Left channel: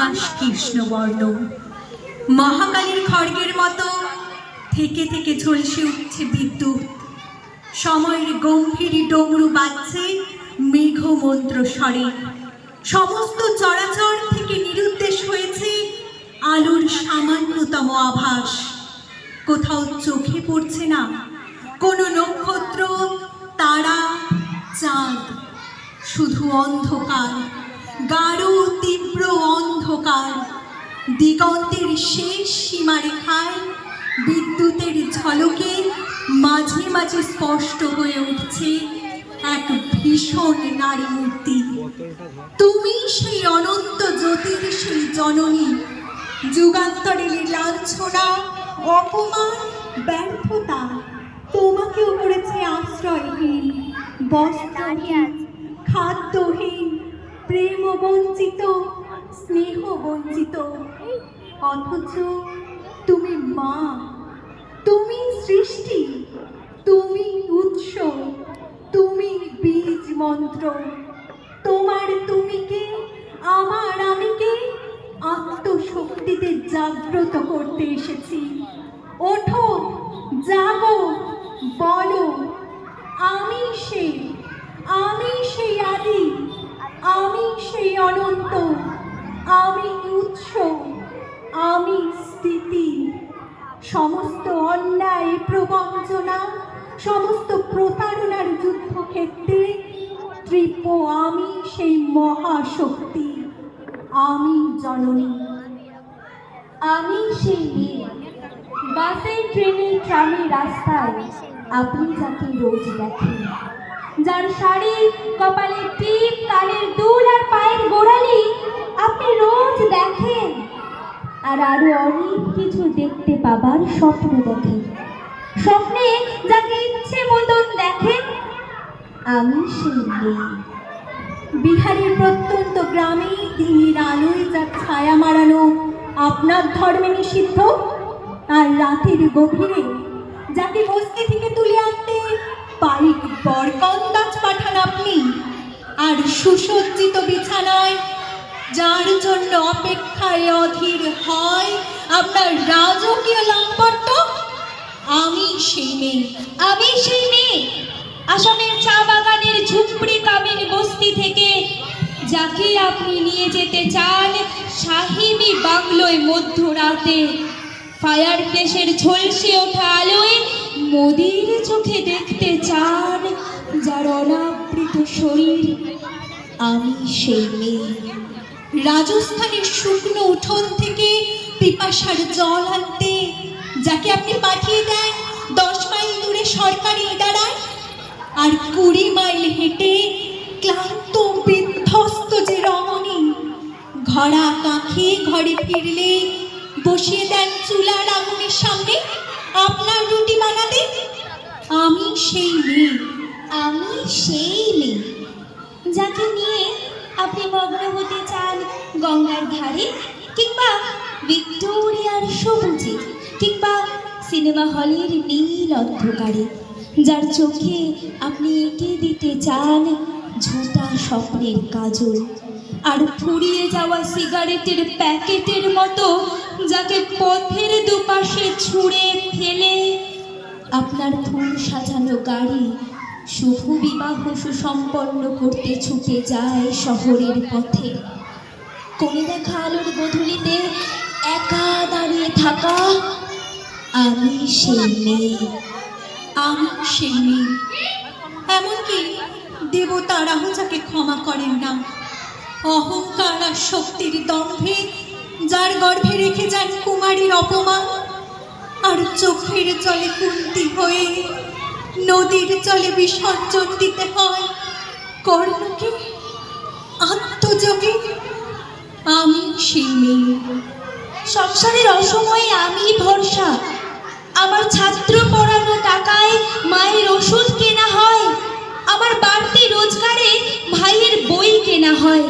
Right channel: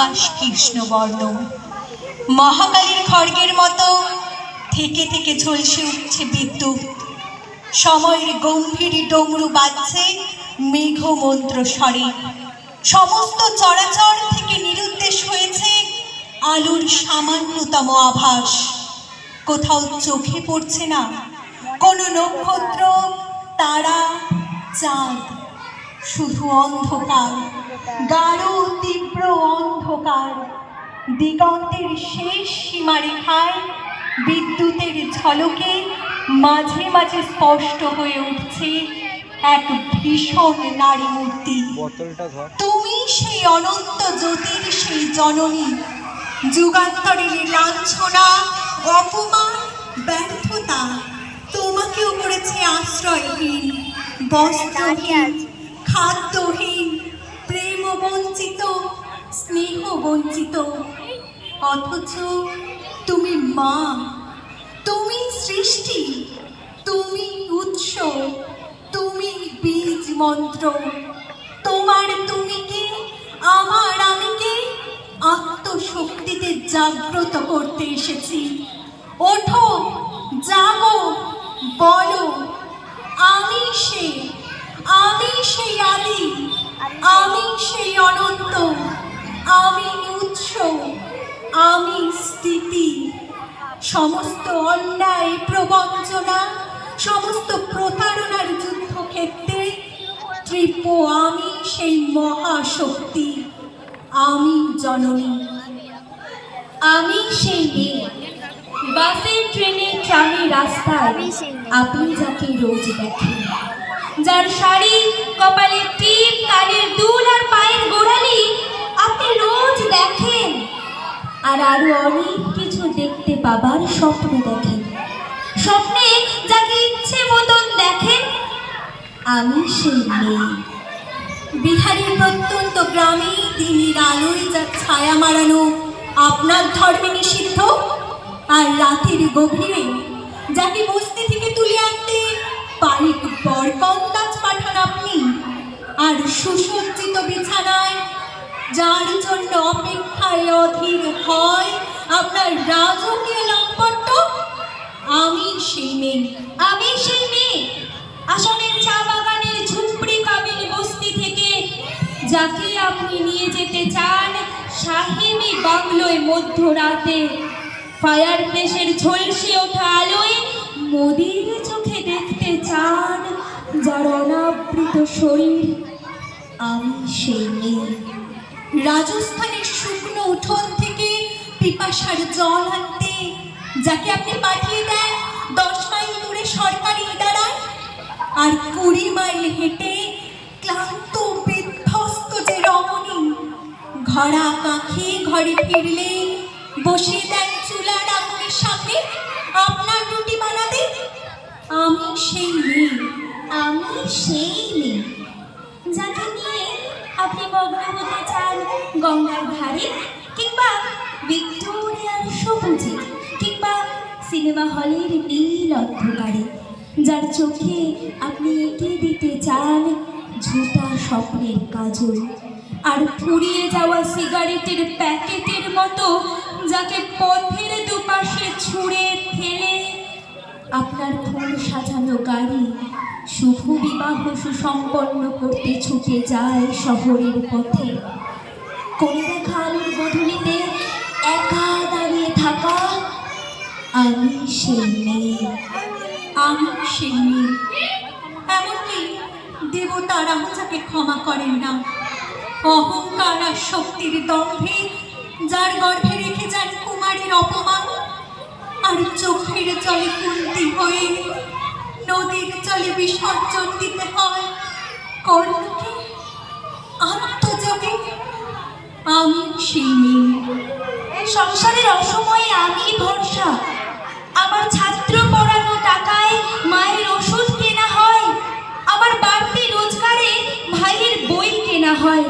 আকাশ কৃষ্ণবর্ণ। মহাকালীর খড়গের মতো থেকে থেকে ঝলসে উঠছে বিদ্যুৎ। সময়ের গম্ভীর ডমরু বাজছে মেঘমন্ত্র স্বরে। সমস্ত চরাচর থেকে নিরুদ্দেশ হয়েছে আলোর সামান্যতম আভাস। কোথাও চোখে পড়ছে না কোনো নক্ষত্র, তারা, চাঁদ। শুধু অন্ধকার, গাঢ় তীব্র অন্ধকার। দিগন্তের শেষ সীমারেখায় বিদ্যুতের ঝলকে মাঝে মাঝে স্পষ্ট হয়ে উঠছে এক ভীষণ নারী মূর্তি। তুমি সেই অনন্ত জ্যোতির সেই জননী। যুগান্তরের লাঞ্ছনা, অপমান, ব্যর্থতা তোমাকেও করেছে আশ্রয়হীন, বস্ত্রহীন, খাদ্যহীন, প্রেম বঞ্চিত, স্নেহ বঞ্চিত। অথচ তুমি মা, তুমি সৃষ্টি, তুমি উৎস, তুমি বীজ মন্ত্র। তোমার তুমিকে, আমার আমিকে আত্মশক্তিতে জাগ্রত করতে এসেছি। ওঠো, জাগো, বলো, আমি সেই আদি, আমি সেই অনন্ত, আমি উৎস, আমি স্থিতি। সমস্ত অন্যায় প্রবঞ্চনা, সমস্ত প্রতারণার যুদ্ধক্ষেত্রে ত্রিপ আমি সেই মহাশক্তি, আমি জননী। আমি সেই মেয়ে, বাসের ট্রেনে ট্রামে রাস্তায় আপনি যাকে রোজ দেখেন, যার শাড়ি, কপালের টিপ, কানের দুল আর পায়ের গোড়ালি আপনি রোজ দেখেন। আর আরো অনেক কিছু দেখতে পাবার স্বপ্ন দেখেন। স্বপ্নে যাকে ইচ্ছে মতন দেখেন, আমি সেই মেয়ে। বিহারের প্রত্যন্ত গ্রামে দিনের আলোয় যা ছায়া মারানো আপনার ধর্মে নিষিদ্ধ, আর রাতের গভীরে যাকে বস্তি থেকে তুলে আনতে পানিক বরকন্দাজ পাঠান আপনি, আর সুসজ্জিত বিছানায় যার জন্য অপেক্ষায় অধীর হয় আপনার রাজকীয় লাম্পট্য, আমি সেই মেয়ে। আমি সেই মেয়ে, আসামের চা বাগানের ঝুপড়ি কাবিন বস্তি থেকে যাকে আপনি নিয়ে যেতে চান শাহিনী বাংলোয় মধ্যরাতে, ফায়ার প্লেসের ঝলসে ওঠা আলোয় মোদির চোখে দেখতে চান যার অনাবৃত শরীর, আমি সেই মেয়ে। রাজস্থানের শুকনো উঠোন থেকে পিপাসার জল আনতে যাকে আপনি পাঠিয়ে দেন 10 মাইল দূরে সরকারি ইদারায়, আর 20 মাইল হেঁটে ক্লান্ত বিধ্বস্ত যে রমণী ঘরা কাঁখে ঘরে ফিরলে বসিয়ে দেন চুলার আগুনের সামনে আপনার রুটি বানাতে, আমি সেই মেয়ে। আমি সেই মেয়ে যাকে নিয়ে আপনি মগ্ন হতে চান গঙ্গার ধারে, কিংবা ভিক্টোরিয়ার সবুজে, কিংবা সিনেমা হলের নীল অন্ধকারে, যার চোখে আপনি এঁকে দিতে চান ঝোঁটা স্বপ্নের কাজল, আর ফুরিয়ে যাওয়া সিগারেটের প্যাকেটের মতো যাকে পথের দুপাশে ছুঁড়ে ফেলে আপনার ফুল সাজানো গাড়ি শুভ বিবাহ সুসম্পন্ন করতে ছুটে যায় শহরের পথে। কোনে দেখা আলোর গধূলিতে একা দাঁড়িয়ে থাকা, আমি সেই মেয়ে। আমি সেই মেয়ে। এমনকি দেবতারাও যাকে ক্ষমা করেন না, অহংকার আর শক্তির দম্ভে যার গর্ভে রেখে যান কুমারীর অপমান, আর চোখের জলে কুন্তি হয়ে নদীর জলে বিসর্জন দিতে হয় কর্ণকে আত্মযোগে, আমি সেই মেয়ে। সংসারের অসময়ে আমি ভরসা, আমার ছাত্র পড়ানো টাকায় মায়ের ওষুধ কেনা হয়, আমার বাড়তি রোজগারে ভাইয়ের বই কেনা হয়,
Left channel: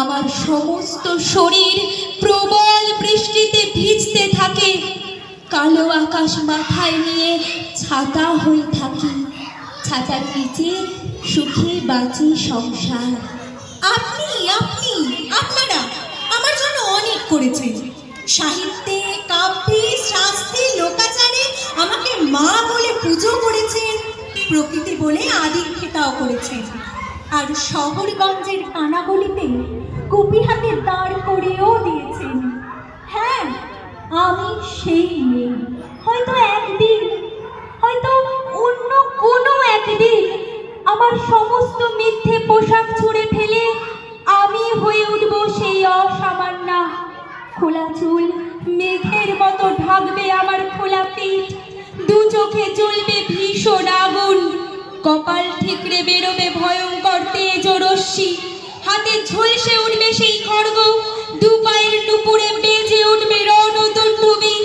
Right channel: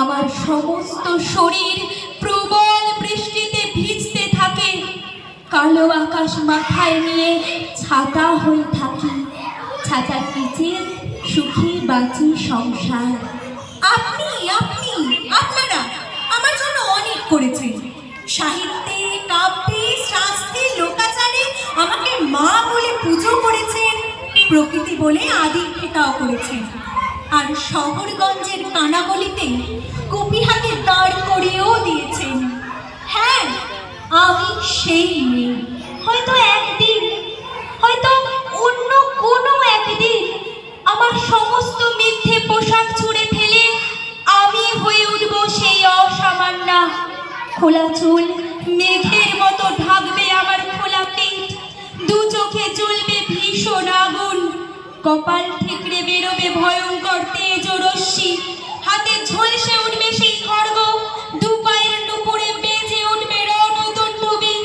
আমার সমস্ত শরীর প্রবল বৃষ্টিতে ভিজতে থাকে, কালো আকাশ মাথায় নিয়ে ছাতা হয়ে থাকি, ছাতার নিচে সুখে বাঁচি সংসার। আপনি আপনারা আমার জন্য করেছে। সাহিত্যে, কাব্যে, শাস্ত্রে, লোকাচারে আমাকে মা বলে পুজো করেছেন, প্রকৃতি বলে আদিক্ষেতাও করেছেন। আর শহরগঞ্জের কানাগলিতে কুপি হাতে দাঁড় করিয়েও দিয়েছেন। হ্যাঁ, আমি সেই মেয়ে। হয়তো একদিন, হয়তো অন্য কোনো একদিন আমার সমস্ত মিথ্যে পোশাক ছুঁড়ে ফেলে আমি হয়ে উঠব সেই অসামান্যা। খোলা চুল মেঘের মতো ঢাকবে আমার খোলা পিঠ, দু চোখে জ্বলবে ভীষণ আগুন, কপাল ঠিকরে বেরোবে ভয়ঙ্কর তেজ ও রশ্মি, হাতে ঝলসে উঠবে সেই খড়গ, দু পায়ের নুপুরে বেজে উঠবে রণদণ্ডবী,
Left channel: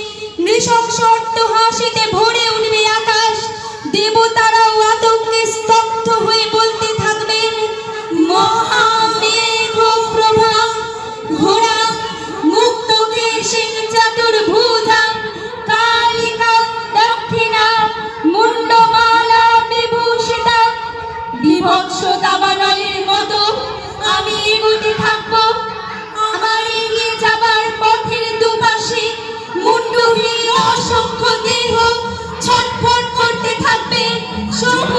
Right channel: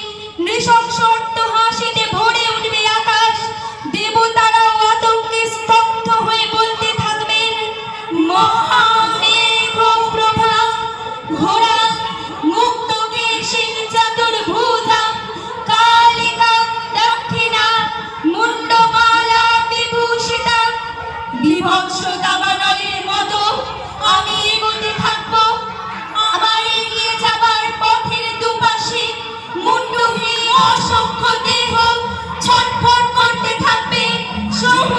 নৃশংস অট্টহাসিতে ভরে উঠবে আকাশ। দেবতারাও আতঙ্কে স্তব্ধ হয়ে বলতে থাকবেন, মহামেঘ প্রভা ঘোড়া মুক্ত কেশিন চতুর্ভুজা কালিকা দক্ষিণা মুন্ডমালা বিভূষিতা। বিভৎস দাবানলের মতো আমি এগোতে থাকবো। আমার এগিয়ে যাবার পথের দুপাশে মুন্ডহীন অসংখ্য দেহ ছটফট করতে থাকবে। শুভ